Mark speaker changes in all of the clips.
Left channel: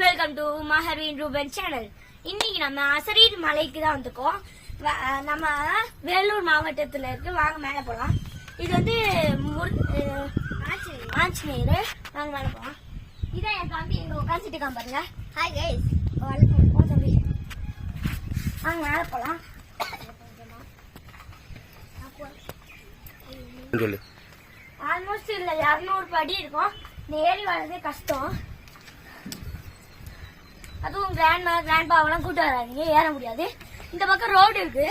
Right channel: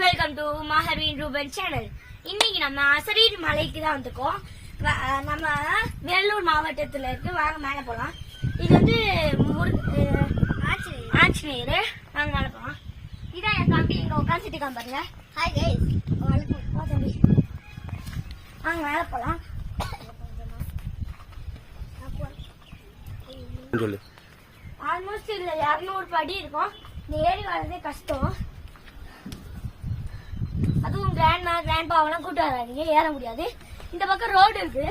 Speaker 1: Welcome to Maharvin Ruban channel. இன்னைக்கு நம்ம அசரீர் மலைக்கு தான் வந்திருக்கோம். வ- அஹ் நம்ம வேலூர் மாவட்டத்துல இருக்கு வாங்க மேலே போலாம். இது வந்து ஆஞ்சநேயர். வாங்க மேலே போலாம். இதான் என் தம்பி இங்க உட்காந்துட்டு பாருங்க. ஹாய் கைஸ் தம்பி. வாங்க மேலே போலாம்.
Speaker 2: சொல்லு.
Speaker 1: ஆல்மோஸ்ட் இதுல இரநூறு படி இருக்கும். இந்த ஏறி வர்றதே கஷ்டம். கிராண்ட்மா கிராண்ட்பா கிராண்ட்பாவெல்லாம் கூட்டு வராதீங்க. ஏற முடியாது. இந்த பக்கம் ரோடு இருக்கு.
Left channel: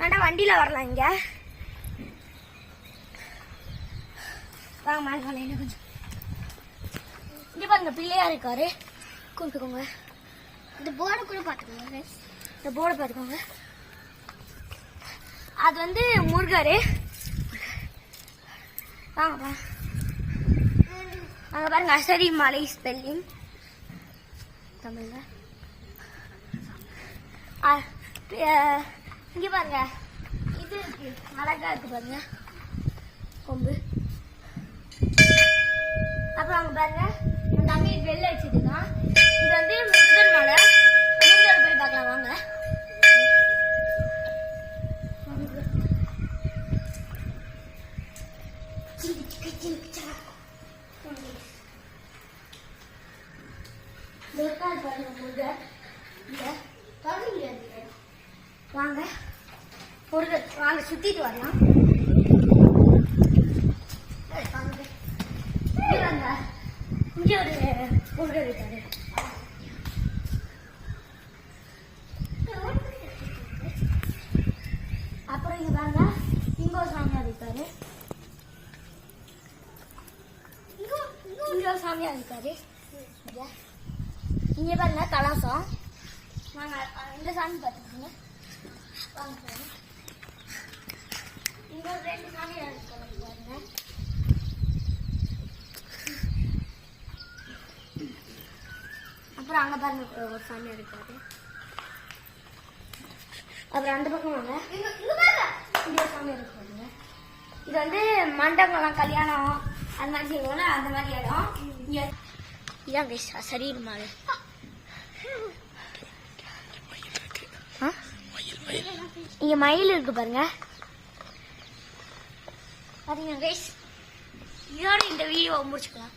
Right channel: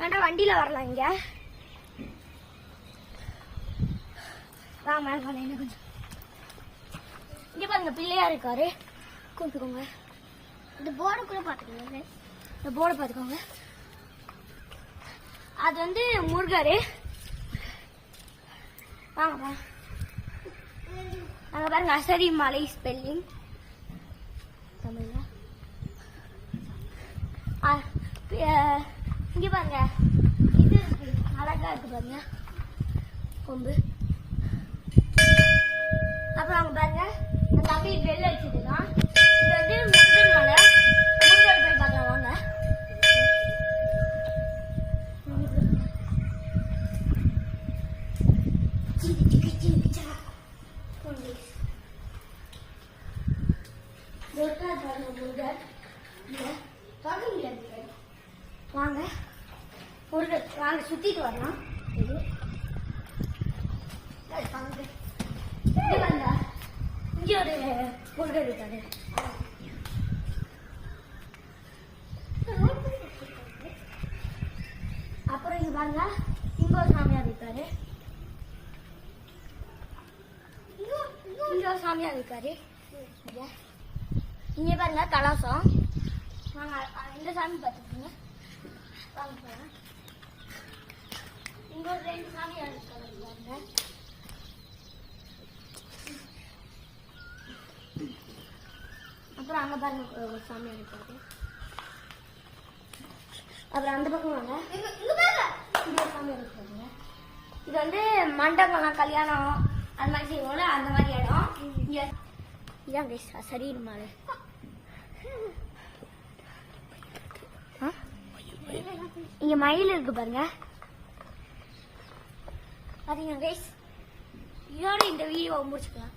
Speaker 1: வேண்டாம் வண்டியில் வரலாம் இங்க. வாங்க மேலே போலாம். கொஞ்சம். இங்க பாருங்க பிள்ளையார் இருக்காரு. கூப்பிட்டுக்கோங்க. இந்த போர்டு கூட பாத்துக்கோங்க இந்த போர்டு பாத்துக்கோங்க அது வந்து முருகர். வாங்க அங்கே பாருங்க அசரி மலை ஸ்பெல்லிங் தமிழ்ல. இங்க பாருங்க. இது இருக்கு. அழகா இருக்கு பாருங்க. கொம்பு. அப்புறம் அங்க பாருங்க. அந்த தம்பி பெல் அடிச்சிட்டு தான் இது வந்து முருகன் மலை. முருகன் போய் பார்க்கலாம் வாங்க. வாங்க முருகர். வாங்க பாருங்க வாங்க ஏய், வாங்க. சுத்திட்டு வாங்க. இங்க ஒரு முருகர் இருக்காரு அப்புறம் இங்க பாருங்க இங்க ஒரு சாமியார் இருக்காரு இங்க ஒரு சாமியார் இருக்காரு இங்க. இங்க பாருங்க கலாசம் நாங்க இந்த சாமி பார்த்துக்கோங்க ரெண்டு அப்புறம் அங்க பாருங்க ஒரு- சாமியார் இருக்காரு. அப்புறம் அந்த பக்கம் வாங்க. இங்க ஒரு சாமியார் இருக்காருங்க இது வந்து மண்டபம் கல்யாணம் அந்த மாதிரி செய்வோம்ல அந்த மாதிரி இடம். இதான் பேச சரீர் மாலை இங்க மயில் இருக்கு பாருங்க. பாத்தீங்க கைஸ் இதோட இந்த வீடியோவை முடிச்சுக்கலாம்.